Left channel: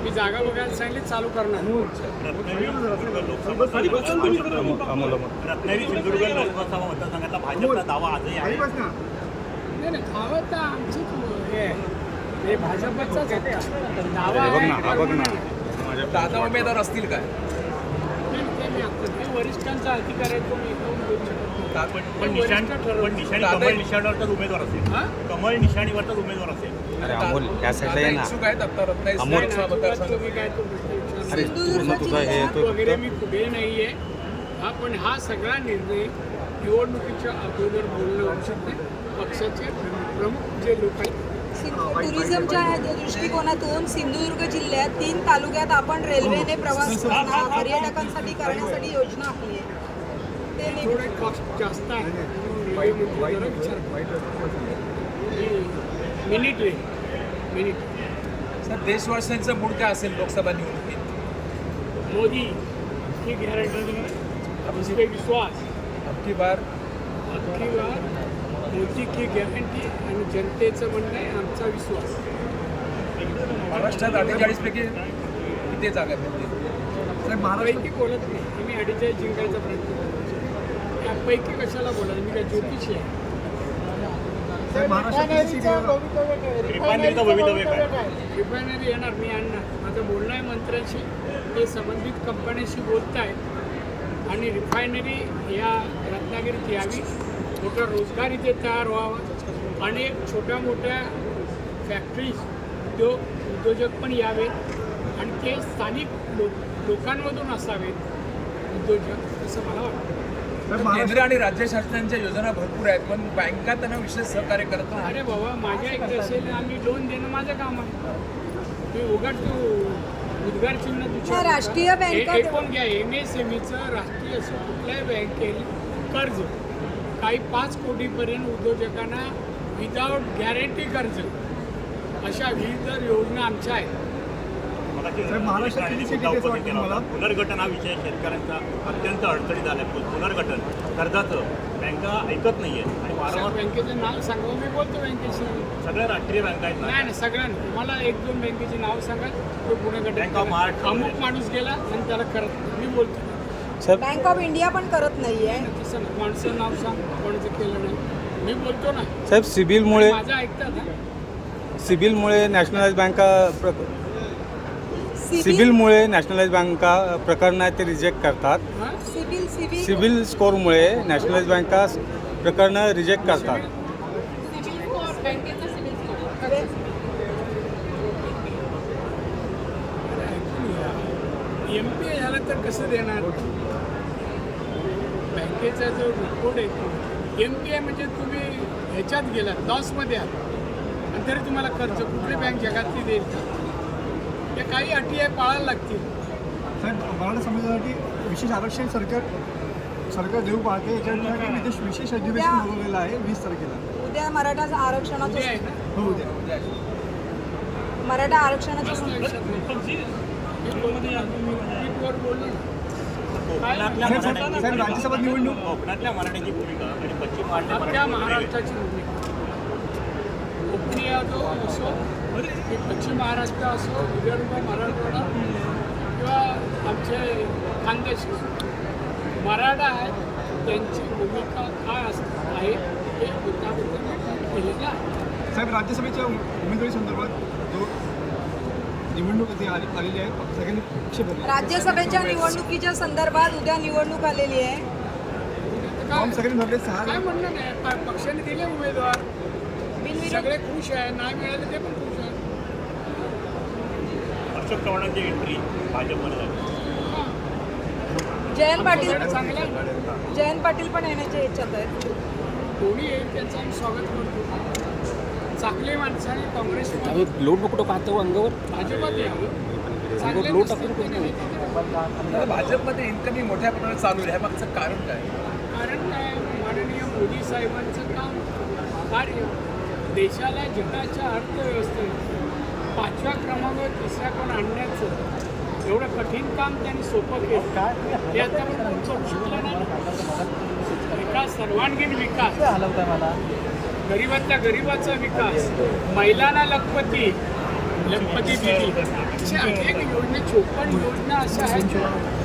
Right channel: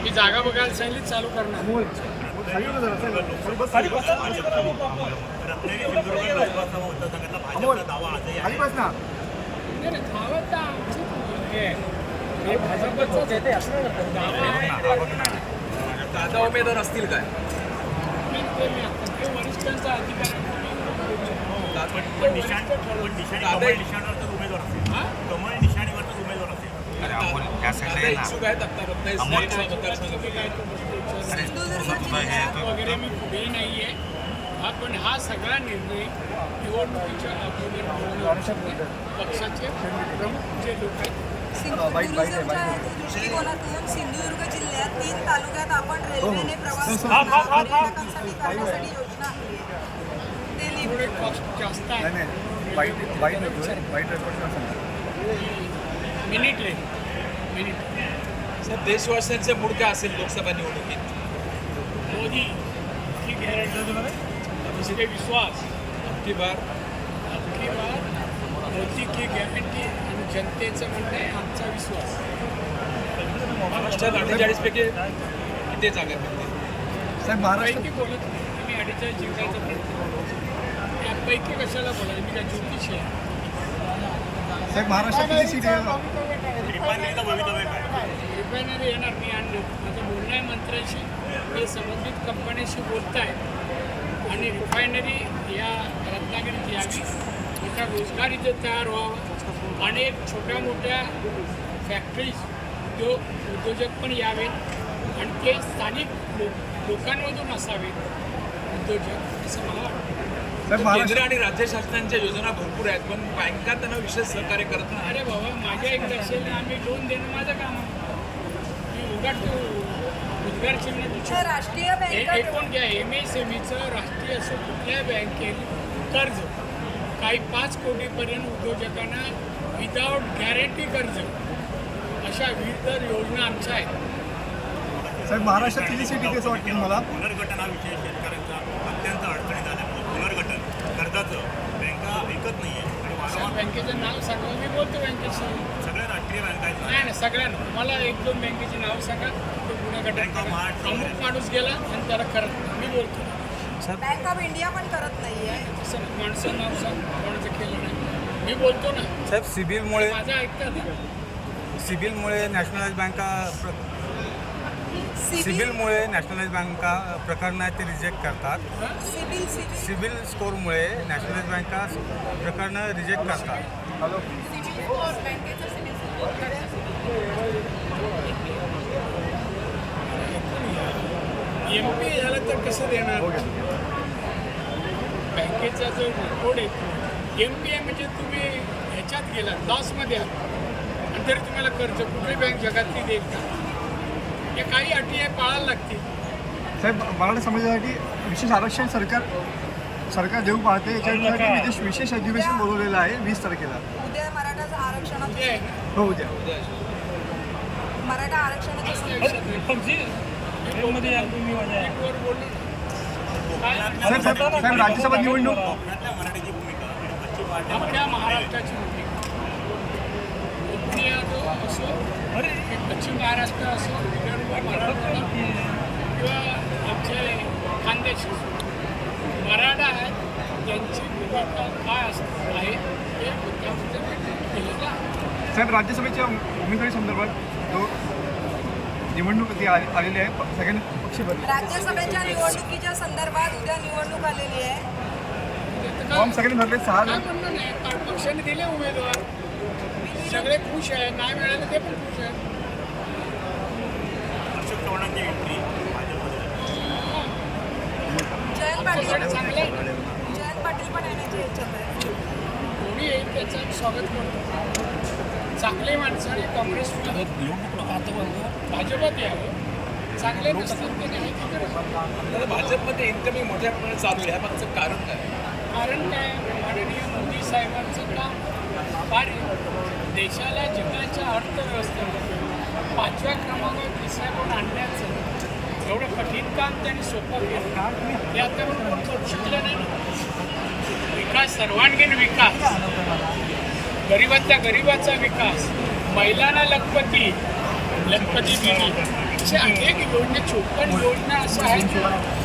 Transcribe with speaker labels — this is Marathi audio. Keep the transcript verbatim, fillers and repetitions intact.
Speaker 1: मी जागा बघायला सांगितली चालू करणार. नाही नाही, खावं तर आमचंच हे हे भाजपचाच दावा आहे.
Speaker 2: दादा उमेदवार असतील काय?
Speaker 1: नाही, ते मी आपण ते वरिष्ठांचा अधिकार आहे, तो मी एकदम बोलू शकतो. ते वरिष्ठ ठरवून.
Speaker 3: कमळ निशाणीवरचाच उमेदवार असेल.
Speaker 1: हां?
Speaker 3: कमळ निशाणीवरचाच उमेदवार असेल.
Speaker 4: अमोल या साईडला ये ना.
Speaker 2: इच्छुक आहेत आता रत्नागिरी
Speaker 4: अमोल.
Speaker 2: लोकसभा
Speaker 1: नाही,
Speaker 2: मतदारसंघ.
Speaker 1: तुम्ही काय तो गोष्टी
Speaker 4: अरे
Speaker 1: विचारणार.
Speaker 4: तुझं तुझं हे तो
Speaker 1: वगैरे मी कुठेही नाहीये. हा, पण हा सगळा निर्णय निवडणुकीच्या अगोदर बोलणं आवश्यक आहे. पक्षाचे प्रमुख जे लोक आहेत
Speaker 5: टुरिझमच्या दृष्टिकोनातून सिंधुदुर्ग जिल्ह्यात तीन तालुक्यात आपण रेल्वेने प्रवास पर्यटकांसाठी करण्यासाठी योजना आखली आहे. ते
Speaker 1: थोडे कॉस्ट जास्त आहे. मिनिट रे मिनिट.
Speaker 2: सर देशवासियांचं मूड काय असेल लोकसभा निवडणुकीत?
Speaker 1: मोदी की गॅरंटी, उस पे विश्वास.
Speaker 2: अबकी बार
Speaker 1: अबकी बार मोदी की गॅरंटी आणि जनतेचं म्हणणं आहे आमचा विश्वास.
Speaker 2: महाराष्ट्रात अठ्ठेचाळीस पैकी किती जागा मिळतील?
Speaker 6: साहेब महाराष्ट्र
Speaker 1: पैकी बोलत नाही आम्ही. अडीचाळीस जिंकायचा प्रयत्न करतो. यापैकी कशाला बोलायचं? मी काय ज्योतिषी आहे?
Speaker 6: साहेब महाराष्ट्रात किती सीट आहे?
Speaker 3: रिफायनरीचं भवितव्य काय?
Speaker 1: रिफायनरी येणार, मी आणणार. माझं बोलणं आहे मंत्र्यांशी. ते संबंधित कंपन्यांशी बोलत आहेत आणि रिफायनरी या रत्नागिरीत यावी. मोठा रोजगार इथे तयार व्हावा. अनेक छोट्या मोठ्या फॅक्टरीज उद्योग उद्योजक पण यावेत आणि ते स्थानिक लोक लोकांमधून असावेत उद्योजक, असं मला वाटतं.
Speaker 6: साहेब
Speaker 2: केंद्र
Speaker 6: महाराष्ट्र
Speaker 2: आणि राज्य शासनांच्या योजना भरपूर आहेत, पण बँका त्यांना विशेष सहकार्य करत नाही.
Speaker 1: अरे बाबा, माझ्या एक दशेने आम्ही लोन देणं माझं काम आहे. मी उगाच उद्गार चिन्ह
Speaker 5: तर राष्ट्रीय बँका-
Speaker 1: हे कोण घ्या. एम एस एम ईचं राष्ट्रीय असं कुठल्याही बँकेने कर्ज काही पाच कोटीपर्यंत उद्योजकांना विदाउट गॅरंटी कर्ज, अशा विविध योजना आमच्या आहेत.
Speaker 6: साहेब महाराष्ट्रात किती सीट येते असं वाटतं मला?
Speaker 3: पुनर्गठन हा विषय शेतकऱ्यांचा अत्यंत अडचणीत झाला. पुनर्गठन कर्जाचं बँका ऐकत नाहीये.
Speaker 1: अशा बँकेचं नाव सांगा, मी बोलतो बँकेशी.
Speaker 3: सगळ्या राष्ट्रीय बँका आहेत.
Speaker 1: नाही नाही, सगळ्यांना. तुम्हाला एक दोन बँकेची नाव सांगा, ते पुणे गट
Speaker 3: बँक ऑफ महाराष्ट्र.
Speaker 1: अमुक माणूस गेला आणि त्याला करत नाही. मी बोलतो
Speaker 5: बँक ऑफ इंडिया पण करत नाहीये.
Speaker 1: तसं नाही. माणसं नाव सांग, कोणाचं केलं नाही. मी बोलतो ना.
Speaker 4: साहेब सिबिलमुळे
Speaker 1: माझं ऐकतात ना.
Speaker 4: सिबिलमुळे नॅशनलाइज बँका प्र-
Speaker 5: सिबिल
Speaker 4: सिबिलमुळे नॅशनलाइज बँका प्रकरणं आहेत ते रिजेक्ट करतात.
Speaker 1: हां,
Speaker 5: सिबिल सिबिल
Speaker 4: सिबिल स्कोरमुळे नॅशनलाइज बँका प्रकरणं रिजेक्ट करतात.
Speaker 1: एम पी ए झालं तर कसं देणार? बँकेचा जो रेकॉर्ड येतो, एम पी ए म्हणजे तुम्ही ह्याच्यात गेलात, लॉसमध्ये आहात आणि तरी तुम्हाला कर्ज कुठली बँक जगातली देईल का? या काही अटी आहे, पाळायला लागतील.
Speaker 6: साहेब मराठा समाजासाठी विशेष आरक्षण सरकार सरकार देऊ पाहते. याच्यासाठी विशेष विशेष अधिवेशन बोलवलेलं आहे वीस तारखेला.
Speaker 5: उद्या मराठा
Speaker 1: उद्या
Speaker 5: आरक्षणाचं
Speaker 1: आहे ना.
Speaker 6: हो उद्या.
Speaker 5: मराठा आरक्षणाचं
Speaker 1: वर बोललो ना. काय
Speaker 6: साहेब साहेब साहेब राज्यसभा निवडणूक
Speaker 3: कोकणातल्या मराठ्याची भूमिका आणि पश्चिम महाराष्ट्रात
Speaker 1: अख्ख्या महाराष्ट्राची भूमिका, कोकणी असो की पश्चिम महाराष्ट्र असो, विदर्भ, मराठवाडा किंवा आमचे खानदेश असो, मराठा आहेत, त्यांची भूमिका काय असणार आहे ते मुद्दामुद्दा केलेलं आहे.
Speaker 6: साहेब राज्यसभेच्या उमेदवारी संदर्भात जो निवडणूक ती आली आलेली आहे, प- सगळ्यांनी पक्ष भरले.
Speaker 5: राज्यसभेच्या निवडणुकीच्या संदर्भात उद्या निवडणूक आलेली आहे.
Speaker 6: फॉर्म सगळ्यांनी भरले. सहा
Speaker 1: काय
Speaker 6: जण
Speaker 1: म्हणणं नाही, पण पक्षाने दिले उमेदवार, सगळे खुश आहे. नाही मिळालं ते पण खुश आहे.
Speaker 3: अशोक चव्हाणांची एंट्री भाजपमध्ये झाली.
Speaker 1: हां,
Speaker 5: जयंत
Speaker 1: आमच्याकडे
Speaker 5: पाटील
Speaker 1: चांगलं आहे.
Speaker 5: जयंत पाटील पण येण्याच्या इच्छात आहे.
Speaker 1: कोणी येईल त्याचं आम्ही स्वागत करतो. चांगले माणसाने काँग्रेस
Speaker 4: लोट नको पाहतो अंगावर.
Speaker 1: भाजपात यावं. चांगले नसतील ते नाही करावं.
Speaker 2: तर भाजपमध्ये इन्कमिंग मोठ्या प्रमाणात चालू आहे. ह्यामागचं कारण काय?
Speaker 1: कारण काय, माननीय मोदी साहेबांचं काम, कार्य देशाला जगाच्या अर्थव्यवस्थेत पाचव्या क्रमांकावर तिसऱ्या कोण आणण्याचं एवढं कठीण काम त्यांनी सोपं केलं. ते आतापर्यंत कोण करू शकलं नाही. विकास, सर्वांगीण विकास, गरिबातल्या गरिबाचा विकास, महिलांना लखपती, लखपती दिली अशा अनेक योजना चोपन्न योजना असं आहे